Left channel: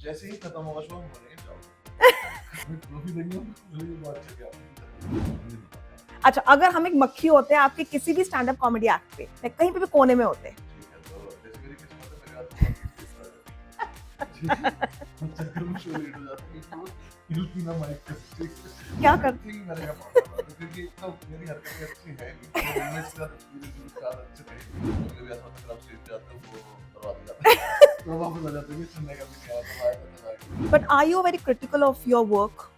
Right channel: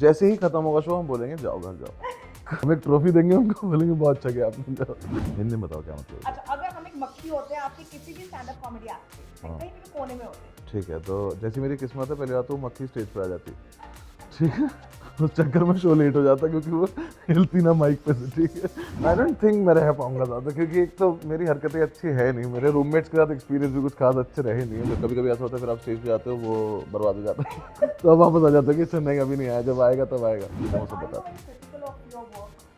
जैसे ही खत्म होगा शो हम बोलेंगे जाओ घर जाओ। हम एक ट्रॉफी देंगे उनको, बोलेंगे बहुत अच्छा किया आपने। हिंदी में बताओ क्या मतलब। अच्छा, अगर हम एक मक्खी होते हैं आपके किसी भी स्टैंड अप कॉमेडी एक्ट पे, हाँ। कहीं पे भी कोने में होते, ठीक है, तो जैसी मेरी किस्मत है पहली बात तो वो मक्खी स्टेज पे आ जाती। ठीक है, उस चक्कर में शो लेट हो जाता क्योंकि वो हिलती ना माइक पे से। ठीक है, क्या आई डोंट थिंक मैं रह पाऊंगा ज्यादा, क्योंकि एक तो मेरी हरकतें अच्छी है नहीं, मेरे रूममेट्स के साथ एक्सपीरियंस भी कुछ खास अच्छे रहे नहीं। कभी कभी ऐसा होता है फिर आप स्टेज पे जाते हो वो बर्बाद हो जाता है। तो अब वापस आ जाता है कि अच्छा नहीं अभी नहीं आया, जब आएगा तब आएगा। But are you very critical of your work?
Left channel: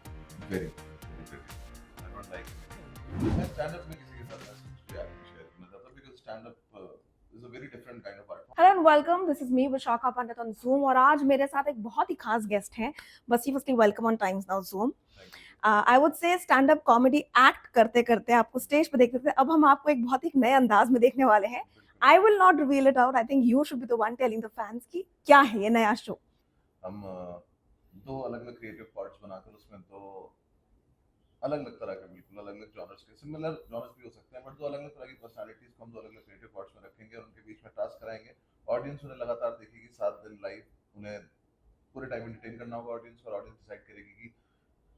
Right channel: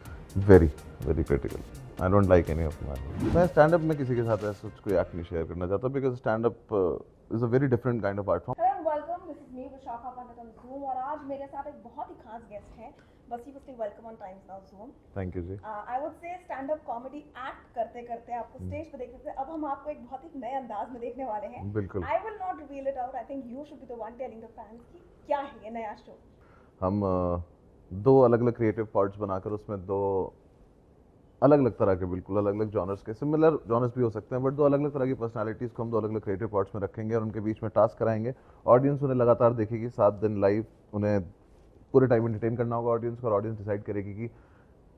Very very critical. I don't like any of that. मैं स्टैंड अप में किसी के साथ ऐसा कोई एक्ट नहीं शेयर करना चाहता, because stand up is a very different kind of art form. Hello and welcome, this is me Vishakha Pandit on zoom और आज मेरे साथ एक बहुत ही खास गेस्ट हैं। Bassi firstly welcome on Times Now Zoom. Thank you ji. I would say stand up comedy act करते करते आपको स्टेज पे देखते थे, अब हम आपको एक बहुत ही नए अंदाज में देखने वाले हैं। बिल्कुल। I will not reveal it out, I think you should be the one telling the fans की क्या है ये नया शो। हम दो अलग अलग क्रिएटिव पार्ट्स बनाकर उसमें दो अलग अलग तरह के, बिल्कुल अलग अलग जॉनर्स के, सिमिलर जॉनर्स भी हो सकते हैं बट दो अलग अलग तरह की पर्सनालिटीज़ को हम दो अलग अलग क्रिएटिव पार्ट्स में रखेंगे और उनके बीच में टास्क कराएंगे। ऑडियंस उन्हें लगातार देखेगी 7 दिन लाइव, उन्हें पूरे टाइम एंटरटेन करना होगा ऑडियंस को, और ऑडियंस डिसाइड करेगी कि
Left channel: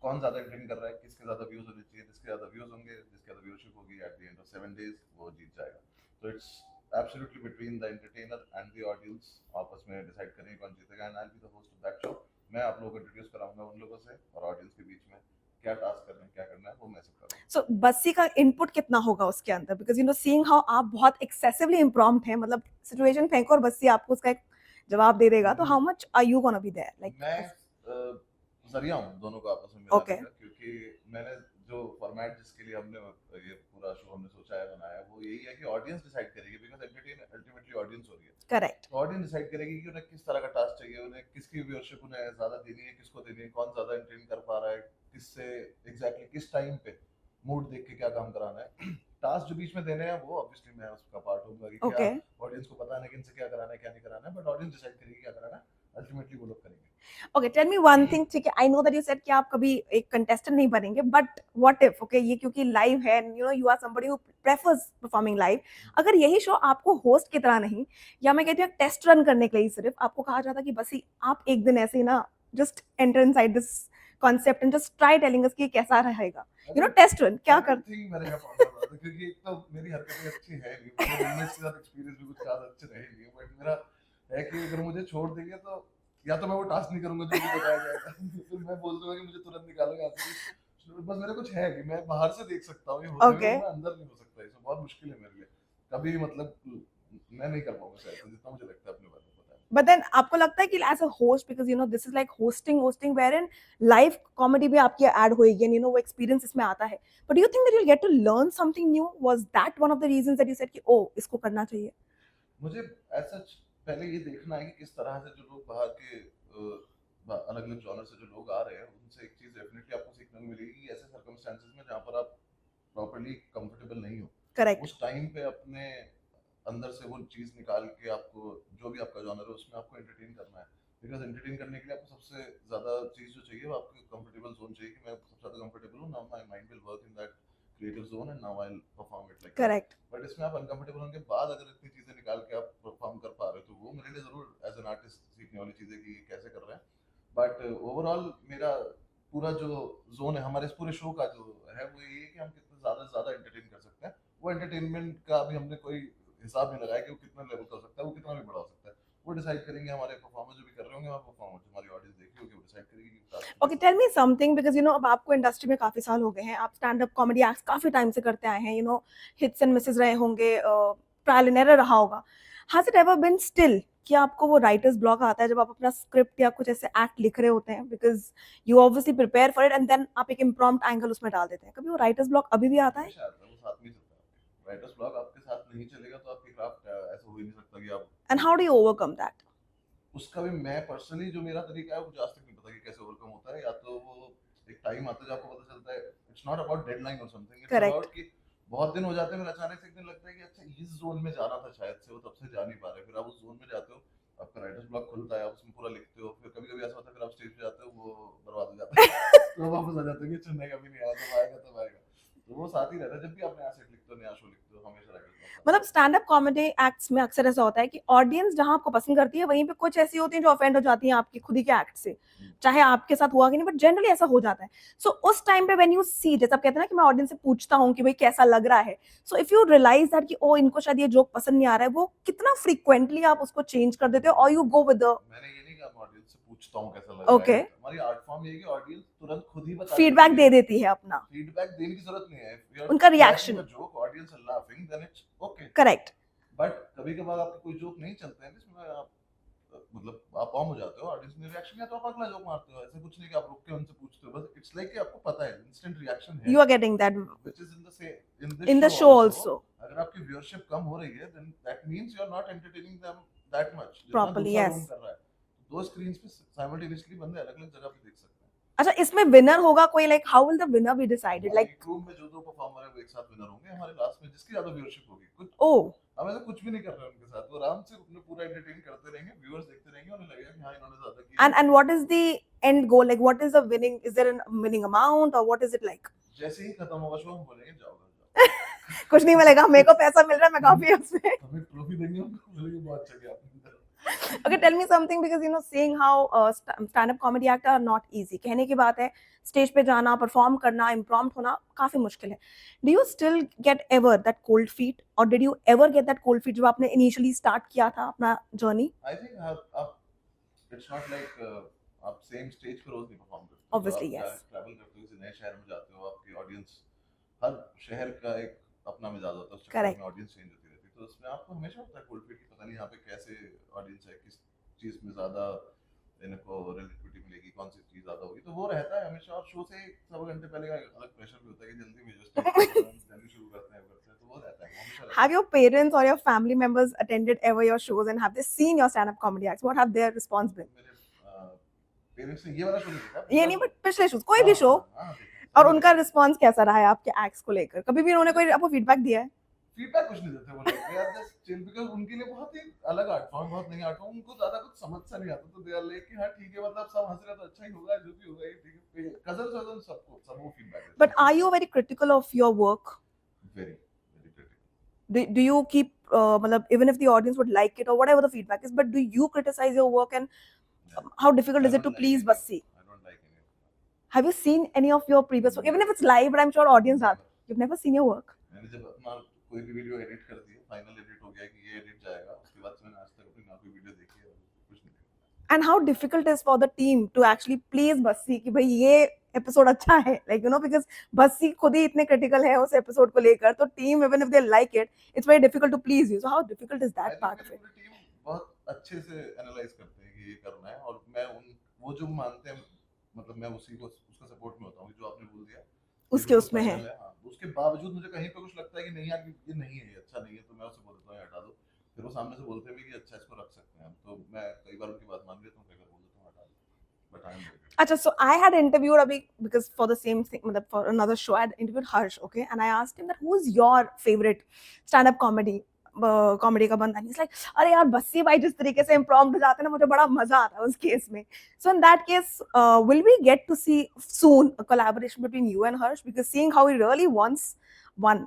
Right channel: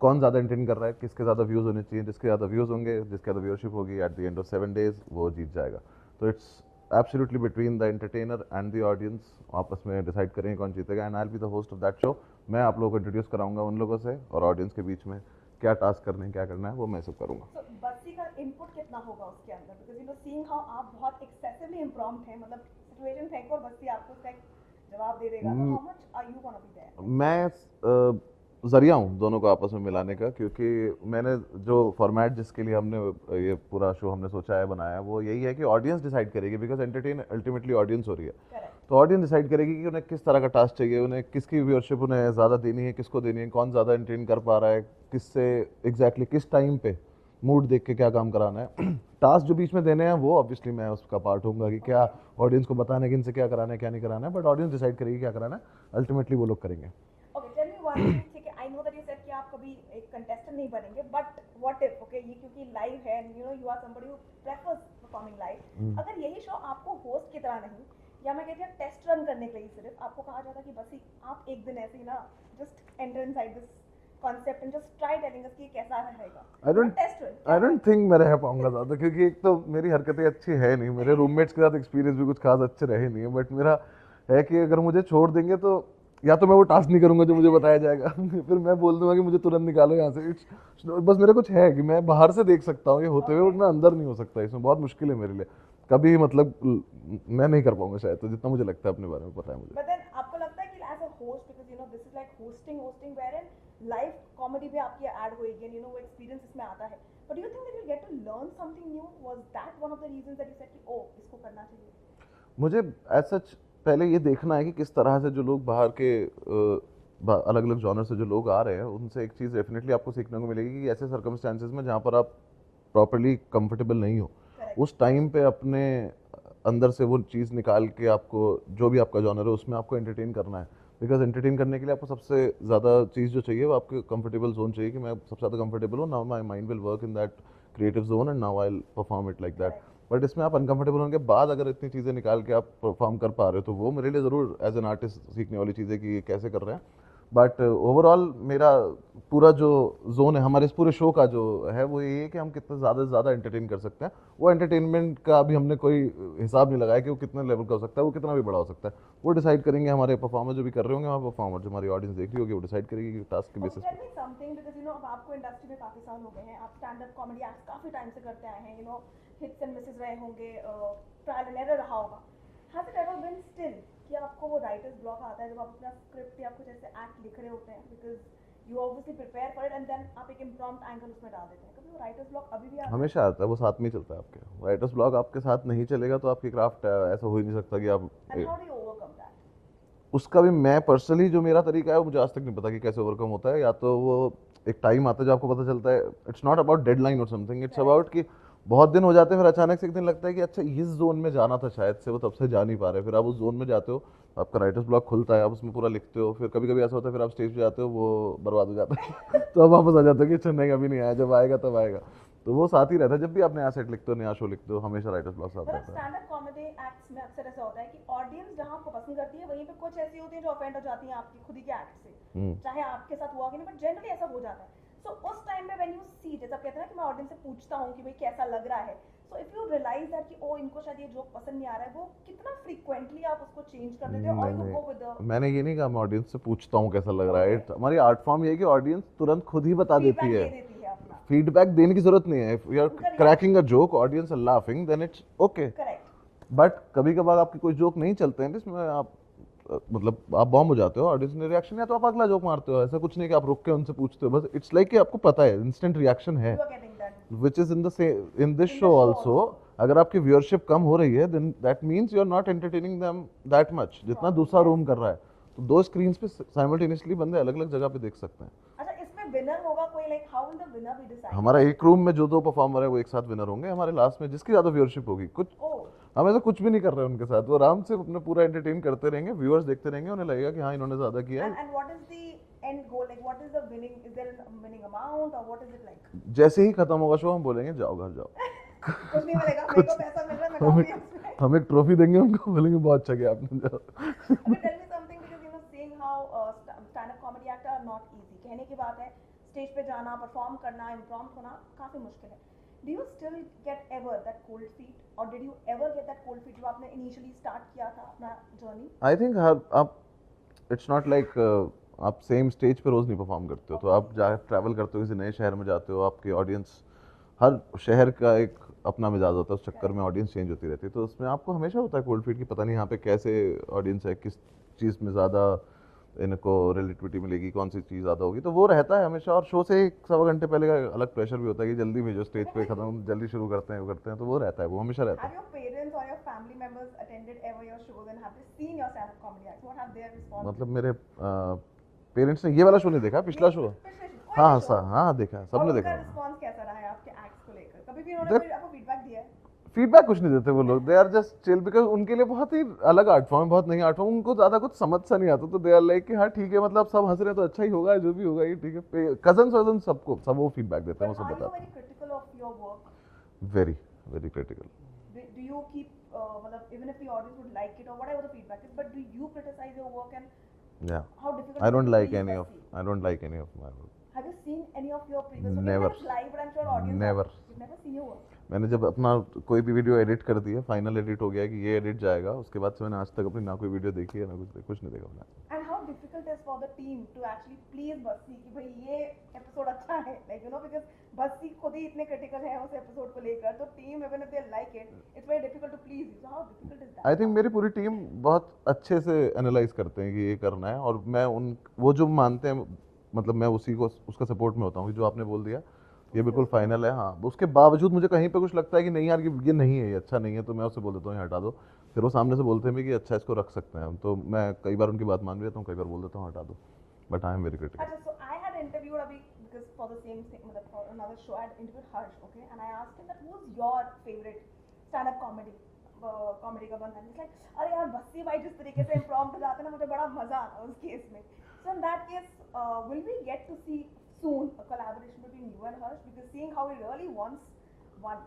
कौन ज़्यादा एंटरटेन कर रहा है, किसके ज़्यादा व्यूज़ होने चाहिए। जिसके ज़्यादा व्यूज़ होंगे, जिसके ज़्यादा व्यूअरशिप होगी, at the end of 7 days वो जीत जाएगा। तो it's absolutely between the entertainer and the audience, आपस में डिसाइड करेंगे कौन जीतेगा। And I will be the host of that show. मैं आप लोगों को इंट्रोड्यूस कराऊंगा उन लोगों से, और ऑडियंस के बीच में क्या टास्क करने हैं, क्या करना है वो मैं सब करूँगा। सो बस्सी का इनपुट कितना होगा उसके अंदर, because you know seeing how आप बहुत एक्सेसिवली इम्प्रॉम्प्ट हैं, मतलब सिचुएशन फेंको और बस्सी आपको उसका एक जवाब दे देगा, तो how much are you gonna be there? मैं जरिया हूँ दोनों को आपस में मिलाने Okay. का, क्योंकि मैंने जो फॉर्मेट जिसके लिए हमने ये पूरा शो हमने सोचा है बनाया है वो यही है कि ऑडियंस डिसाइड करेगी, बिकॉज एंटरटेन अल्टीमेटली ऑडियंस हो रही है। करेक्ट। तो ऑडियंस डिसाइड करेगी कि उन्हें किस तरह का टास्क चाहिए, उन्हें किसकी व्यूअरशिप उन्हें ज़्यादा देनी है, किसको देनी है, कौन ज़्यादा एंटरटेन कर पा रहा है, किससे एग्जैक्टली किस टाइम पे मूड देख के क्या काम कराना है। टास्क जो बीच में देने हैं वो ऑब्वियसली मैं उसका पार्ट होऊंगा कि क्या Okay. ऑडियंस को बताना है कि इनसे क्या कराना है क्या नहीं कराना है, बट ऑडियंस डिसाइड करेगी क्या कराना है, अल्टीमेटली वो लोग करेंगे। Okay, tell me one thing, ठीक है, I know that you said कि आप कभी एक कंटेस्टेंट नहीं बनेंगे, बट व्हाट इफ, ओके, ये क्योंकि लाइव है, you know you are somebody who prefers performing live, अगर यही शो आपको होस्ट की तरह नहीं, या मैं कहती हूँ टेस्ट रन करने के लिए सिर्फ आपको कहा जाता कि बस ही आप एक दिन ऐसे ही ना just enter inside this concept and just try telling us कि कैसा रहेगा, यू नो टेस्ट रन, क्या आई डोंट करते? थिंक मैं रह पाऊंगा ज्यादा, क्योंकि एक तो मेरी हरकतें अच्छी है नहीं, मेरे रूममेट्स के साथ एक्सपीरियंस भी कुछ खास अच्छे रहे नहीं है। बट मेरा है कि अगर मुझे छोड़ देंगे तो या तो मैं वो टास्क नहीं करूंगा जो मुझे बताया जाएगा, फिर मैं बोल दूंगा कि मुझे तुरंत निकालो यहाँ से। बस मेरा कुछ है कि मैं बाहर से देख सकता हूँ ये होते हुए, Okay. मैं अंदर नहीं हो सकता, इसमें बहुत मुश्किल है मेरे लिए। कभी मतलब मैं नहीं कर पाऊंगा शायद, तो जितना मुझे लगता है अपने बारे में पता है मुझे। बट देन आपको लगता है कि as a host, because you know this is like hosting where in live comedy भी आपकी ऐड होएगी एंड यू नो वो एक्सपीरियंस इसमें आता है, but you think that you will get to learn something new? Was that one of the reasons that you said कि ओ इसको करना चाहिए? मुझे एज सच पहले ये देखना है कि किस तरह से जो लोग बाहर के अलग अलग जॉनर से जो लोग आ रहे हैं उनसे एक चीज़ डेफिनेटली आपको सीखने को मिलेगी कि ऐसे सर्कमस्टांसेस में जहाँ पर आप प्रॉपरली कंफर्टेबल नहीं हो, करेक्ट। उस टाइम पे अपने अंदर से वो चीज़ निकाल के आपको जो भी आपका जॉनर है उसमें आपको एंटरटेन करना है। बिकॉज एंटरटेन करने के लिए आपको सबसे ज़्यादा चीज़ जो चाहिए वो आपके कंफर्टेबल जोन चाहिए, कि मैं सबसे ज़्यादा कंफर्टेबल हूँ, now my mind will work in that creative zone and now I will perform it like that. Correct. But इसमें आप अनकंफर्टेबल होने के बाद अगर इतनी चीज़ें निकाल के आप परफॉर्म कर पा रहे हो तो वो मेरे लिए ज़रूर एज एन आर्टिस्ट सीखने वाली चीज़ है कि ये कैसे कर रहे हैं। बट ओवरऑल मेरा पूरा जो जोन है हमारे इस पूरे शो का जो है वो ये है कि हम कितना ज़्यादा से ज़्यादा एंटरटेन कर सकते हैं। वो एंटरटेनमेंट का अभी हमने कोई हिसाब नहीं लगाया कि वो कितना लेवल का हो सकता है, वो कितना भी बड़ा हो सकता है। वो डिसाइड करेंगे हमारे परफॉर्मर जो भी कर रहे होंगे, हमारे परफॉर्मर जो हमारी ऑडियंस देख रही होगी वो डिसाइड करेगी कि टास्क के okay, basis tell me something, because you know अब आपको इंडस्ट्री में काफी साल हो गए हैं, आप स्टैंड अप कॉमेडी एक्ट्स काफी टाइम से करते आए हैं, you know hits and misses रहे होंगे, ट्रायल एंड एरर रहा होगा। Has it ever been still कि आपको वो राइटर्स ब्लॉक आता है जब आप अपना स्क्रिप्ट या कुछ ऐसे एक्ट लिख रहे होते हैं, because you obviously prepare for it and then आप एक इम्प्रॉम्प्ट एंगल उसमें डाल देते हैं, कभी वो राइटर्स ब्लॉक अभी भी आता है? हमेशा आता है, वो साथ में ही चलता है आपके। राइटर्स ब्लॉग आपके साथ नहीं चलेगा तो आपकी क्राफ्ट ऐसा हो ही नहीं सकता कि आप and how do you overcome that? उसका भी मैं पर्सनली जो मेरा तरीका है वो मुझे आज तक नहीं पता कि कैसे ओवरकम होता है। या तो वो एक टाइम आता है जो आपको पता चलता है, इट्स नॉट अबाउट डेडलाइन और समथिंग, इट्स Correct. अबाउट कि बहुत दिन हो जाते हैं फिर अचानक से एक दिन लगता है कि अच्छा इस जोन में जाना था शायद से, वो तब से जा नहीं पा रहे, फिर आप उस जोन में जाते हो, आपका राइटर्स ब्लॉक खुलता है, आप उसमें पूरा लिखते हो, फिर कभी कभी ऐसा होता है फिर आप स्टेज पे जाते हो वो बर्बाद हो जाता है। तो अब वापस आ जाता है कि अच्छा नहीं अभी नहीं आया, जब आएगा तब आएगा। तो वो साथ ही रहता है, जब भी आप नया सेट लिखते हो, नया शो लिखते हो, हमेशा राइटर्स ब्लॉक साथ मतलब रहता है। स्टैंड अप कॉमेडी एक्ट्स में अक्सर ऐसा होता है कि ऑडियंस जहां आपको पसंद करती है वहीं पे कुछ ऐसी होती हैं जो ऑफेंड हो जाती हैं आपके खुद ही के एक्ट से, हम्म। चाहे आपके साथ हुआ कि नहीं, बट जनरली ऐसा हो जाता है। सो उस टाइम पे व्हेन यू सी, जैसे आप कहते हैं ना कि मैं ऑडियंस से पूछता हूँ कि भाई कैसा लग रहा है, so if you realise that कि ओ इनको शायद ये जोक पसंद नहीं आ रहा है, वो कितना फ्रीक्वेंटली आप उसको चेंज कर देते हो और यू नहीं, गो विद द मैंने ये नहीं कहा मैं ऑडियंस से पूछता हूँ कैसा लग रहा है। ओके हमारी आर्ट फॉर्म ये है कि ऑडियंस तुरंत खुद ही बता देती फीडबैक है। दे देती है अपना, फीडबैक देने की जरूरत नहीं है। इफ यू आर उनका cracking a reaction. Joke, audience are laughing, then it's okay. Correct. But कभी कभार आपके कोई जोक नहीं चलते हैं जिसमें आप मतलब आप बॉम्ब हो जाते हो, ऑडियंस ने रिएक्शन, या तो आप अगला जोक मारते हो। ऐसा कुछ नहीं कि आप रुक के उनसे पूछते हो, बस इट्स लाइक कि आपको पता है इंस्टेंट रिएक्शन है, you are getting that which is in the same in this in the show show also. Also अगर आपकी व्यूअरशिप कम हो रही है, then that means you are not entertaining them that much जितना प्रॉपर्ली। दूसरा yes. Room कर रहा है। तो दो स्क्रीन्स पे साइमल्टेनियसली बंदे अलग अलग जगह पे देख सकते हैं। अच्छा, इसमें विनर होगा कोई, like how will the winner be decided, हमारा लाइक एक रूम में जो दो परफॉर्मर है वो एक साथ विनर होंगे। हमारे लास्ट में जिसकी ज्यादा व्यूअरशिप होगी, कुछ ओ हम ऐसा कुछ भी नहीं कर रहे हैं उनके साथ, वो आराम से अपना पूरा एंटरटेन करते रहेंगे, व्यूअर्स देखते रहेंगे, उन्हें लगेगा कि हाँ इन्होंने ज्यादा किया है। and what is the end goal, like what is the winning, is there a winning amount or what is it like? जैसे ही खत्म होगा शो हम बोलेंगे जाओ घर जाओ। कुछ नहीं मिलेगा, मेरे को पैसा मिल रहा है, मैं काफी उसमें। हम एक ट्रॉफी देंगे उनको, बोलेंगे बहुत अच्छा किया आपने, जाओ। Okay, tell me something, because you know seeing how stand up comedy actor are not easy, कहने की बात है, स्टेज पे जाना, परफॉर्म करना, इम्प्रॉम्प्ट होना काफी मुश्किल है। Do you still get ever that cold feet, or did you ever get that cold feet जब आपने initially start किया था अपना जर्नी? आई थिंक आप इट्स नॉट लाइक आप सेम स्टेज पे रोज नहीं परफॉर्म करते हो। तो आप Obviously, yes. ट्रैवल करते हो, किसी नए शहर में जाते हो, आपकी ऑडियंस, हर शहर का एक अपना मिजाज होता है, उस चक्कर Correct. में ऑडियंस चेंज होती रहती है। तो उसमें आपको हमेशा होता है कोल्ड फीट की, पता नहीं यहाँ पे कैसे ऑडियंस है, किस चीज़ में ज़्यादा इनको रिलेटिविटी मिलेगी, कौन सी चीज़ ज़्यादा होगी, तो वो रहता है हमेशा। और शो से एक सवा घंटे पहले का अलग प्रेशर भी होता है कि जल्दी भेजो, स्टेज पे खत्म, जल्दी शुरू करते हैं, वो करते हैं, तो वो रहता है, वो हमेशा रहता है। Have your parents or your family members attended ever your shows and have they seen your stand up comedy acts? What have their response मतलब been? मेरे पेरेंट्स ने ये वाला शो नहीं देखा, ये पिछला नहीं, शो। बट पिछले शोज, कोई भी शो, हाँ देखा है, और सबने उनका देखा है। रिस्पांस कैसा रहा है आपके एक्ट्स को लेकर? कभी भी उन्होंने कोई आपको फीडबैक दिया है? फीडबैक कुछ नहीं देते वो लोग, they are just chill, because उनके लिए बहुत ही अलग आर्ट फॉर्म है, बहुत नई आर्ट फॉर्म, उनको ज्यादा कुछ समझ सा नहीं आता, तो दे आर लाइक कि हाँ ठीक है, मतलब सब हंस रहे हैं तो अच्छा ही होगा, जो भी होगा ये ठीक है। कजन्स वजन सबको सब वो फीडबैक देते हैं। But are you very critical of your work? Very very critical. Do you keep मतलब even if the audience would like it or whatever the feedback is, but do you criticize your work, and Yeah. how difficult I is it don't to like please any of Bassi? I don't like any of my work. Have you seen any of your previous work? Even if Never. it's live, but I'm sure audience Never. are. You've never seen your work? मैंने जब अपना कोई भी video edit कर दिया, final edit हो गया कि ये एडिट जाएगा, उसके बाद से मैंने आज तक अपनी ना कोई वीडियो देखी है, ना कुछ नहीं देखा मैंने। And how difficult is for the team to actually please Bassi कि भाई ये एपिसोड अच्छा है, like you know, because Bassi खुद ही इतने critical है उस एपिसोड को लेकर, तो team even if they like it, it's very difficult to please you. So how difficult is that? I think part मेरी से? पूरी टीम बहुत अच्छे से एनालाइज करते हैं कि ये करना है, और मैं उन वो जो मानते हैं, मतलब मैं उसी को उसका सपोर्ट में होता हूँ कि जो आपने बोल दिया ये उसके बिल्कुल उसमें है। फाइनल है। हाँ, उसके बावजूद मुझे कहीं पे कुछ लगता है कि नहीं यार ये नहीं है, ये अच्छा नहीं है, तो मैं उससे बोल देता हूँ ये हटा दो। फिर वो सामने से बोलते हैं भी कि अच्छा इसको रख सकते हैं हम, तो मैं कई बार उनकी बात मान भी लेता हूँ, कई बार बोल देता हूँ हटा दो, but I am very critical. अच्छा, so I had interviewed अभी, because for the same thing, मतलब for another show, I had interviewed Harsh, okay, and I asked him that who is your favorite stand-up comedy का बंदा, and he's like, अरे यार बस्सी भाई जिस तरीके से imprompt हो जाते हैं ना, मुझे बड़ा मजा आता है उस केस में। So in that case, will we get to see soon a collaboration between you and Harsh, because seeing how he really wants one?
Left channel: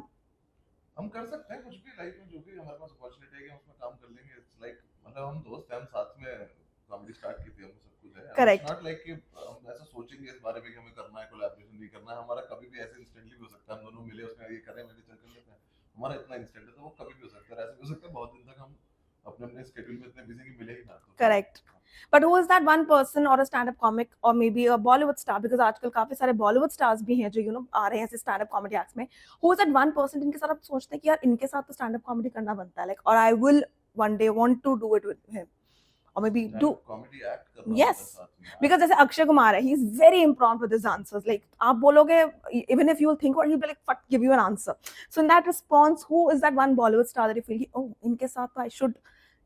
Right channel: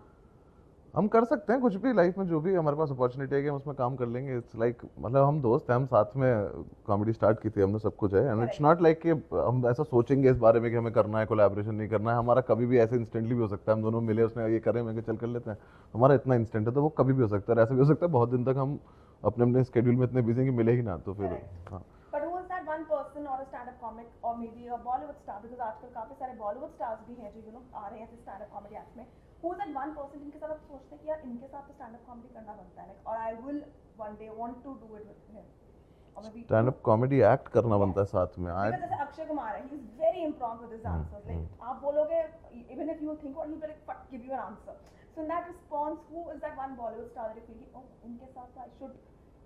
हम कर सकते हैं कुछ भी लाइफ में, जो भी हमारे पास अपॉर्चुनिटी है कि हम उसमें काम कर लेंगे। इट्स लाइक मतलब हम दोस्त हैं, हम साथ में कॉमेडी स्टार्ट की थी हमने, सब कुछ है, and Correct. It's not like कि हम ऐसा सोचेंगे इस बारे में कि हमें करना है कोलैबोरेशन, नहीं करना है। हमारा कभी भी ऐसे इंस्टेंटली भी हो सकता है, हम दोनों मिले, उसने ये करें, मैं कहा चल कर लेते हैं, हमारा इतना इंस्टेंट है, तो वो कभी भी हो सकता है। ऐसा भी हो सकता है बहुत दिन तक हम अपने अपने स्केड्यूल में इतने बिजी हैं कि मिले ही ना, तो फिर Correct. हाँ। But who is that one person or a stand-up comic or maybe a Bollywood star, because आजकल काफी सारे Bollywood stars भी हैं जो you know आ रहे हैं ऐसे stand-up comedy acts में, who is that one person जिनके साथ आप सोचते हैं कि यार इनके साथ तो stand-up comedy करना बनता है, like, or I will one day want to do it with him, or maybe stand do, up comedy act करना Yes. बनता है साथ में। because जैसे अक्षय कुमार है, he is very imprompt with his answers, like आप बोलोगे, even if you will think about it, he'll be like fuck, give you an answer. So in that response, who is that one Bollywood star that you feel oh इनके साथ तो I should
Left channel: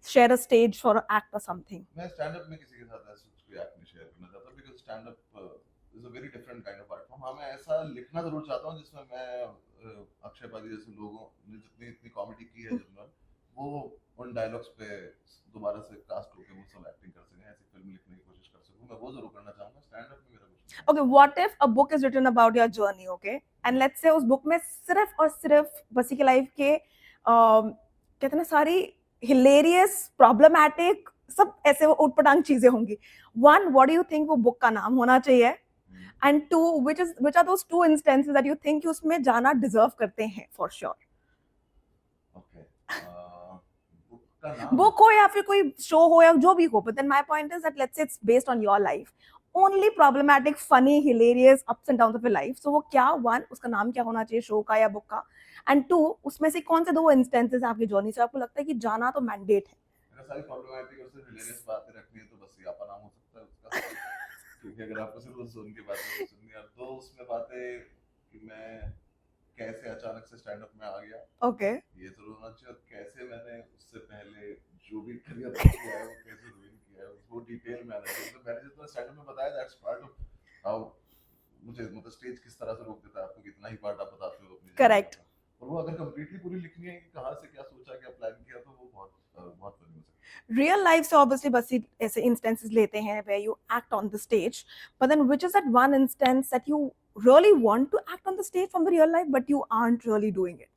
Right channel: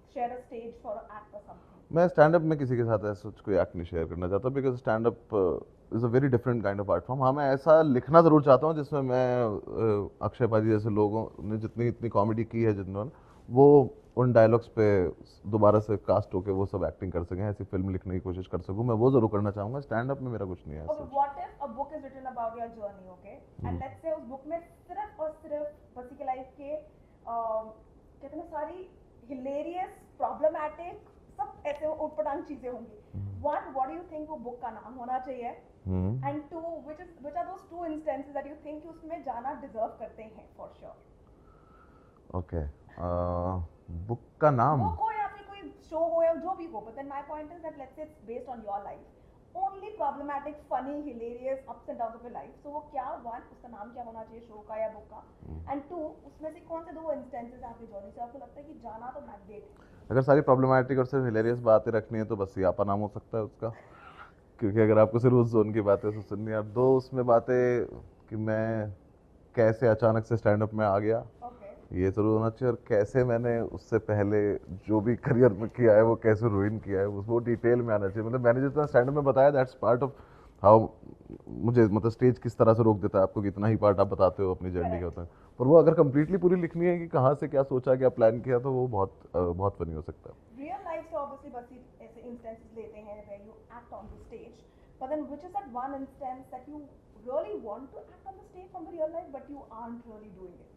share a stage for an act or something? मैं stand up में किसी के साथ ऐसा कोई एक्ट नहीं शेयर करना चाहता, because stand up is a very different kind of art form. हाँ, मैं ऐसा लिखना जरूर चाहता हूँ जिसमें मैं अक्षय पाजी जैसे लोगों ने जितनी इतनी कॉमेडी की है, जिन्होंने वो उन डायलॉग्स पे दोबारा से कास्ट होके वो सब एक्टिंग कर सकें, ऐसी फिल्म लिखने की कोशिश कर सकूं, मैं वो जरूर करना चाहूंगा। स्टैंड अप में मेरा कुछ नहीं है Okay, ऐसा। what if a book is written about your journey, okay? And let's say उस book में सिर्फ और सिर्फ बसी की लाइफ के कहते हैं ना सारी hilarious, problematic, सब ऐसे उटपटांग चीजें होंगी। One, what do you think वो book का नाम होना चाहिए? And two, which are those two instances that you think कि उसमें जाना deserve करते हैं for sure? ओके, बुक का नाम बुक हो या फिर कोई शो हो या जो भी हो, but then my point is that let's say it's based on your life, only problematic, funny, hilarious ups and downs of your life, so वो क्या, one उसका नाम क्या होना चाहिए शो का या बुक का, and two उसमें से कौन से दो इंस्टेंसेस आपकी जर्नी से आपको लगता है कि जाना तो मैंडेट है? अगर सारी प्रॉब्लमैटिक और सिर्फ हिलेरियस बातें रखनी है तो बस सियापा नाम हो सकता है उसका। क्योंकि अगर आपको सिर्फ उस जोन की बातें से सुननी है, अब दो उसमें बातें कि मैं कैसे अचानक से स्टैंड अप में आ गया, Okay. ये जरूर होना चाहिए, और कैसे मैंने उससे पहले जो भी करियर में किया है वो कैसे रुइन किया है, वो डिटेल में आना चाहिए। मतलब मैंने जितना स्टैंड अप में बताया, दैट्स पार्ट ऑफ हाउ मुझे, मतलब स्टेज किस तरह से रोक देता है आपको कि इतना ही पार्ट आप बताते हो अपनी जर्नी का Correct. होता है। पर वो अगर कंप्लीटली पूरी लिखनी है कि कहाँ से क्या सोचा, क्या प्लान किया, तो वो बहुत फनी हो सकता है। Real life से obviously बस ऐसे instances लेते हैं where you act on the stage, but then which is that one instance that you really want to act on the stage from the real life but you aren't really doing it?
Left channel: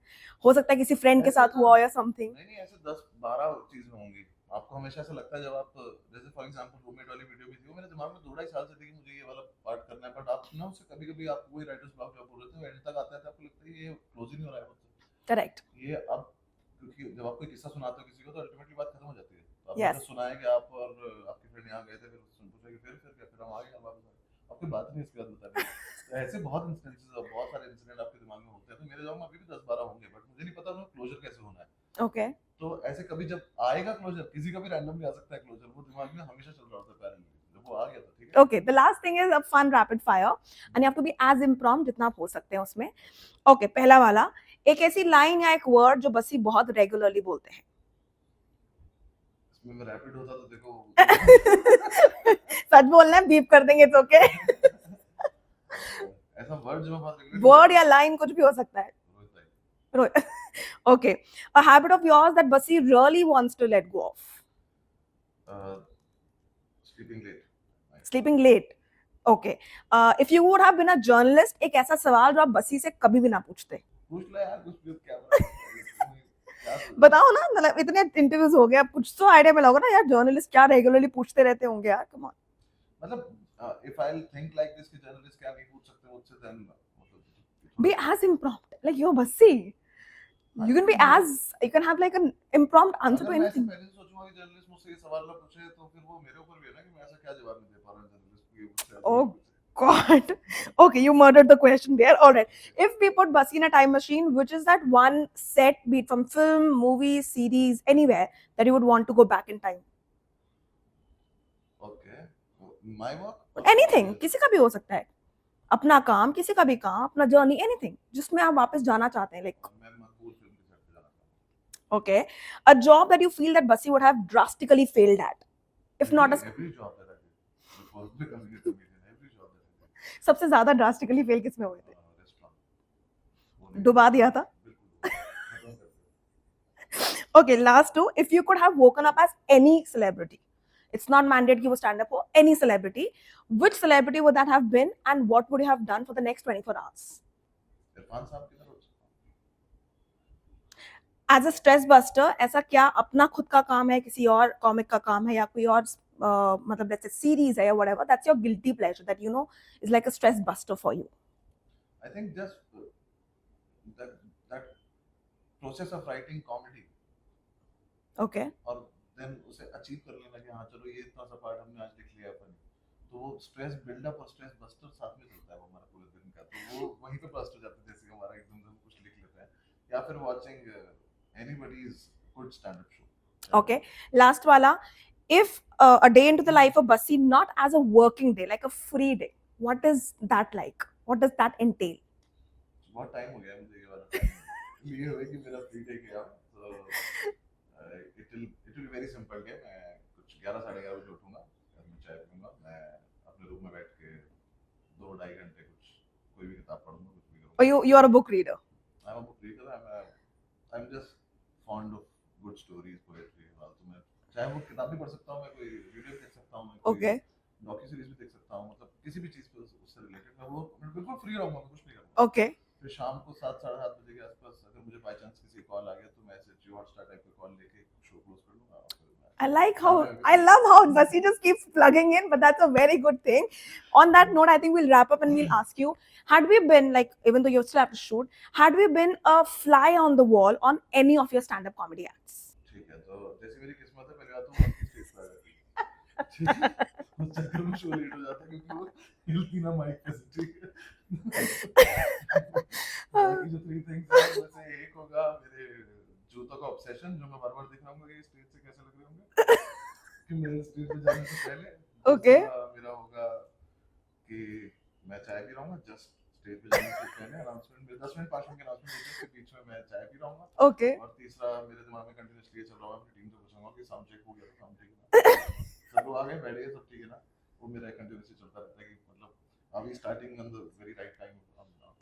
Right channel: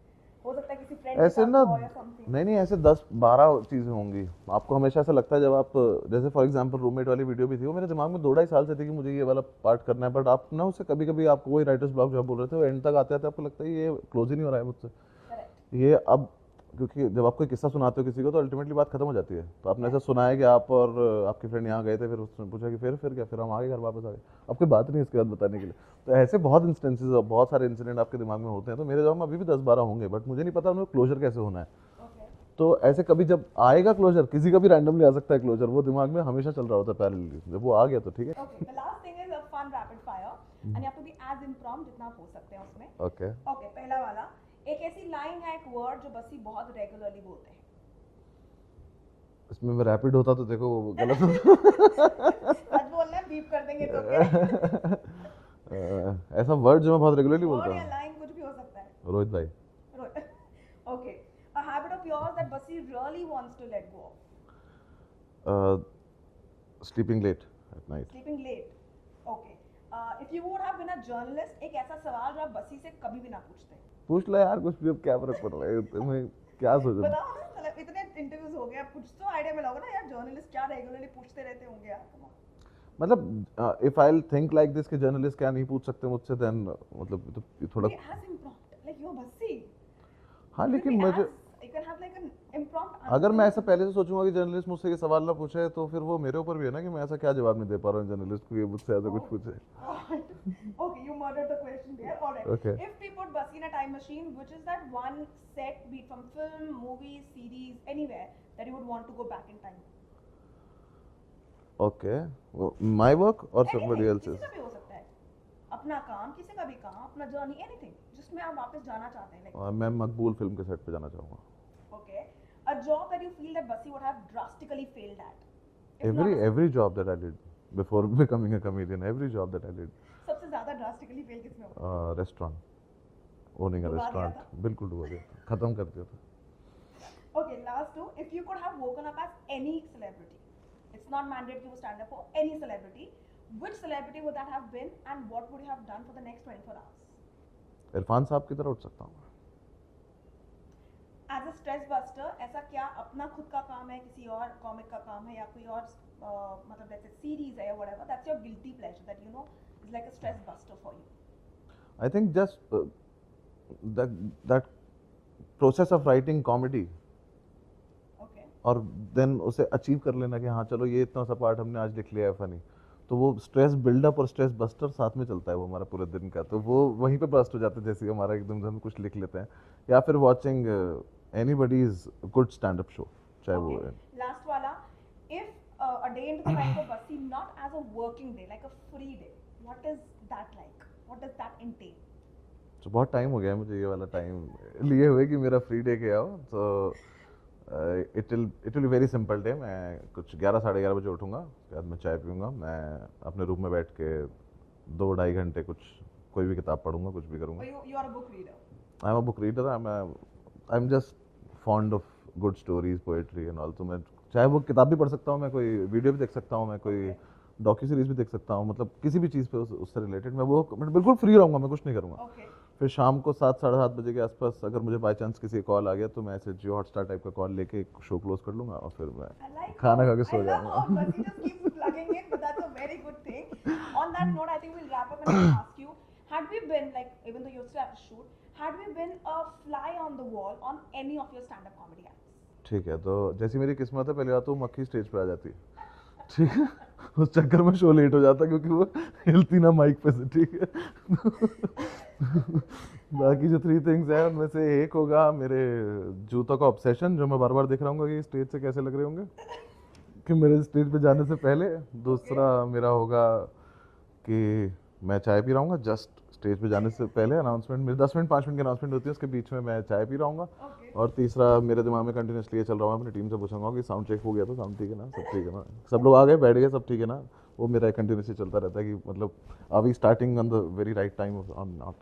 हो सकता है किसी friend के ऐसे साथ ना, हुआ या something. नहीं ऐसे 10-12 चीजें होंगी। आपको हमेशा ऐसा लगता है जब आप, जैसे फॉर एग्जांपल रूममेट वाली वीडियो भी थी, वो मेरे दिमाग में 2-2.5 साल से थी कि मुझे ये वाला पार्ट करना है, बट आप ना उससे कभी कभी आपको वही राइटर्स ब्लॉक जो आप बोल रहे थे, वो एंड तक आते आते आपको लगता है ये क्लोज ही नहीं हो रहा है मुझसे। Correct. ये अब, क्योंकि जब आप कोई किस्सा सुनाते हो किसी को तो अल्टीमेटली बात खत्म हो जाती है। तो आपने Yes. ऐसा सुना है कि आप और आपके फ्रेंड यहाँ गए थे, फिर उसने पूछा कि फिर क्या, फिर हम आ गए घर वापस आ गए, अब कोई बात नहीं इसके बाद बताने के लिए। तो ऐसे बहुत इंस्टेंसेस और बहुत सारे इंसिडेंट आपके दिमाग में होते हैं। तो मेरे दिमाग में अभी भी 10-12 होंगे, बट मुझे नहीं पता उन्हें क्लोजर कैसे होना है। Okay. तो ऐसे कभी जब आएगा क्लोजर, किसी का भी रैंडमली आ सकता है क्लोजर, वो दिमाग में हमेशा चल रहा होता है पैरेलली, जब वो आ गया तो ठीक है। Okay, the last thing is a fun rapid fire and you have to be as impromptu जितना आप हो सकते हैं उसमें. ओके, Okay, पहला वाला, एक ऐसी लाइन या एक वर्ड जो बसी बहुत रेगुलरली बोलते हैं. इसमें मैं रैपिड होता तो देखो वो सच बोलना है, बीप कर देंगे तो ओके. ऐसा वर्ड जो मैं बहुत रेगुलरली वर्ड या लाइन कुछ भी हो सकता है. रोहित भाई। Okay, a habit of yours that Basi really wants to let go of. Sleeping late at night. Sleeping late. Okay. If you would have been a journalist, एक ऐसा सवाल जो आप बसी से कभी भी ना पूछते. पूछ ले यार कुछ भी, अब क्या फर्क पड़ रहा है तुम्हें, क्या सोच रहे बताओ ना, मतलब इतने इंटरव्यूज हो गए, अब कुछ तो आइडिया मिला होगा ना यार, जर्नलिस्ट क्या रेगुलरली पूछते रहते होंगे यार. Come on. मतलब if I think like this कि जर्नलिस्ट क्या नहीं पूछ सकते मुझसे, देन मतलब तो थोड़ा Be as impromptu, like you're Basi. हाँ, You can be लेकिन मैं as, you can have like an impromptu answer. अगर to मैं ऐसा anything. पहले से सोचूंगा कि जर्नलिस्ट मुझसे ये सवाल ना पूछे, तो फिर वो मेरे ऊपर भी है ना कि मैं ऐसा क्या जवाब नहीं दे पा रहा हूँ जर्नलिस्ट को, ये मुझसे ऐसा Oh. कुछ पूछे। God. Okay, you murdered the question there. All right. Okay. If we put Basi in a time machine, which is that one set, be it from film, movie, series, anywhere, that you would want to go back in time? Okay, my work और Anything, किसी का भी हो सकता है. अपना काम, किसी का भी काम, अपना जर्नी, anything, जिसमें आप वापस जाना चाहते हैं. Like, मैं मकबूल फिल्म के सेट पे जाना चाहूंगा। okay, a job that you feel that Basi would have drastically failed at. If not, Every job that I did before becoming a comedian, every job that I did, सबसे ज्यादा drastically fail किसमें हुआ? Restaurant owning, डुबा दिया था? बिल्कुल डुबा दिया, खत्म कर दिया था। Okay, last two. If you could have woken up as any celebrity, it's not mandated कि वो stand up हो, any celebrity, which celebrity would that have been and what would you have done for the next 24 hours? Irfan साहब की तरह उठ सकता हूँ। As a stress buster, ऐसा क्या अपना खुद का काम है, किसी और कॉमिक का काम है या कोई और मतलब let's say series है या whatever, that's your guilty pleasure that you know is like a stress buster for you. I think just that process of writing comedy Okay. और देन उसे अचीव कर लेना कि हाँ चलो ये इतना सा पार्ट हमने आज लिख लिया है फनी, तो वो स्ट्रेस बिल्डअप और स्ट्रेस बस्टर साथ में चलता है वो हमारा पूरे दिन का, तो वो वहीं पे बस्ट हो जाता है जैसे हमारा एकदम से हम कुछ लिख लेते हैं, या फिर watching anybody's good stand up show. Okay. Last wala, if a day into the life of Basi, not as a working day, like a free day, what is that like? What does that entail? तो बहुत time हो गया मुझे ये वाला time लिए हुए कि मेरा फ्री डे क्या हो, तो it will be very simple day. मैं कुछ 11-11:30 बजे उठूंगा, उसके बाद मैं चाय पीऊंगा, मैं अपने रूम में बैठ के 2-2.5 घंटे कुछ कोई भी किताब पढ़ूंगा, कुछ भी करूंगा। Or you are a book reader? I am a book reader, I am just fond of good stories, poetry and all, तो मैं चाहे वो किताब भी पढ़ सकता हूँ, मैं कोई वीडियो भी देख सकता हूँ, मैं कोई Okay. डॉक्यू सीरीज भी देख सकता हूँ, मतलब किसी भी चीज़ पे उससे रिलेटेड मैं बिल्कुल फ्री रहूँगा, मैं कुछ नहीं करूँगा। Okay. फिर शाम को 7 साढ़े 7 बजे के आसपास अगर मुझे बाय चांस किसी का कॉल आ गया तो मैं ऐसे जियो हॉटस्टार टाइप का कॉल लेके एक शो क्लोज कर लूँगा और फिर मैं I like how खाना खा के I सो love जाऊँगा। how Basi just keeps plugging in, but that's a very good thing. On that note, I think we'll wrap up and we'll ask you: had we been like, even though you still have to shoot, had we been a fly on the wall on any of your stand-up comedy acts? ठीक है, तो जैसी मेरी किस्मत है, पहली बात तो मक्खी स्टेज पे आ जाती, ठीक है, उस चक्कर में शो लेट हो जाता क्योंकि वो हिलती ना माइक पे से, ठीक है। बाकी जो 3 थिंग्स हैं उनमें से एक होगा मेरे जूतों का ऑब्सेशन, जो मैं बार बार देख रहा हूँ कि स्टेज से कैसे लग रहे होंगे कि मेरे स्टेज पे जाने से पहले। दूसरा मेरा होगा कि मैं चाय पी रहा हूँ जस्ट स्टेज पे जाने से पहले, अनाउंसमेंट मेरे 10 मिनट 5 मिनट की अनाउंसमेंट होती है, उसके बीच में मैं चाय पी रहा हूँ। Okay. और तीसरा मेरे दिमाग में कंटिन्यूसली ये चल रहा है, अपनी टीम से पूछूंगा कि साउंड चेक हो गया, तो साउंड ठीक है ना, सब ठीक है ना, सब लोग आ गए बैठ गए, सब ठीक है ना। वो मेरा कंटिन्यूसली चलता रहता है कि मतलब are we starting on the very right time और not.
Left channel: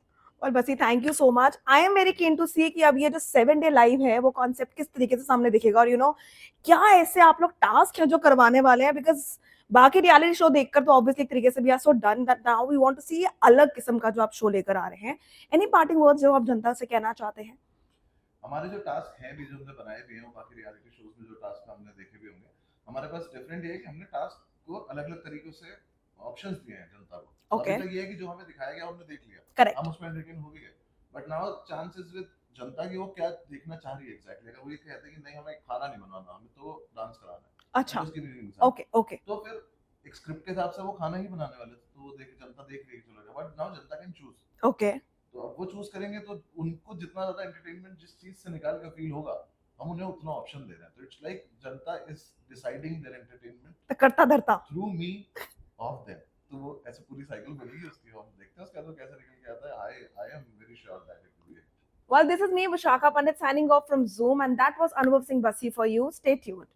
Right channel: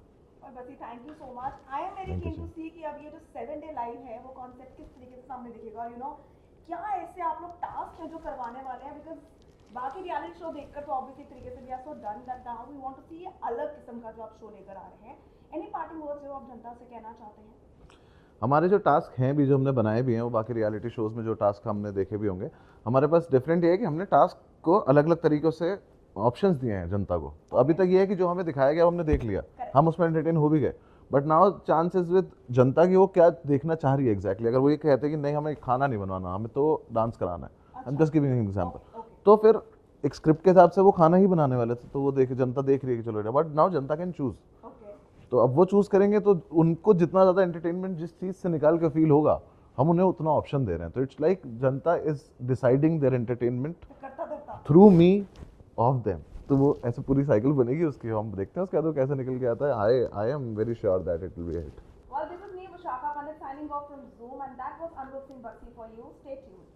Well, Basi, thank you so much. I am very keen to see कि अब ये जो 7-day live है वो concept किस तरीके से सामने दिखेगा, और क्या ऐसे आप लोग टास्क हैं जो करवाने वाले हैं, बिकॉज बाकी रियलिटी शो देखकर तो ऑब्वियसली एक तरीके से we are so done that now we want to see अलग किस्म का जो आप शो लेकर आ रहे हैं। एनी पार्टिंग वर्ड्स जो आप जनता से कहना चाहते हैं? हमारे जो टास्क हैं भी, जो हमने बनाए भी हैं, वो बाकी रियलिटी शोज में जो टास्क हमने देखे भी होंगे, हमारे पास डिफरेंट ये है कि हमने टास्क को अलग अलग तरीकों से ऑप्शंस दिए हैं जनता को। तो अभी तक ये है कि जो हमें दिखाया गया वो हमने देख लिया, Correct. हम उसमें एंटरटेन हो भी गए, बट नाउ चांसेस विद जनता की वो क्या देखना चाह रही है एग्जैक्टली। अगर वो ये कहते हैं कि नहीं हमें खाना नहीं बनवाना, हमें तो डांस कराना है, अच्छा, just giving an example, okay okay, तो फिर एक स्क्रिप्ट के हिसाब से वो खाना ही बनाने वाले थे, तो वो जनता देख रही है कि चलो, but now Janata can choose. Okay, तो अब वो चूज करेंगे तो उनको जितना ज्यादा एंटरटेनमेंट जिस चीज से निकाल के फील होगा, हम उन्हें उतना ऑप्शन दे रहे हैं। तो it's like Janata is deciding there entertainment करता धरता थ्रू मी ऑफ देम। तो वो ऐसे पूरी साइकिल बनेगी उसकी, हम देखते हैं उसके बाद वो कैसे निकल के आता है। I am very sure that it will be hit. Well, this is me, Vishakha Pandit, signing off from Zoom, and that was Anubhav Singh Basi for you. Stay tuned.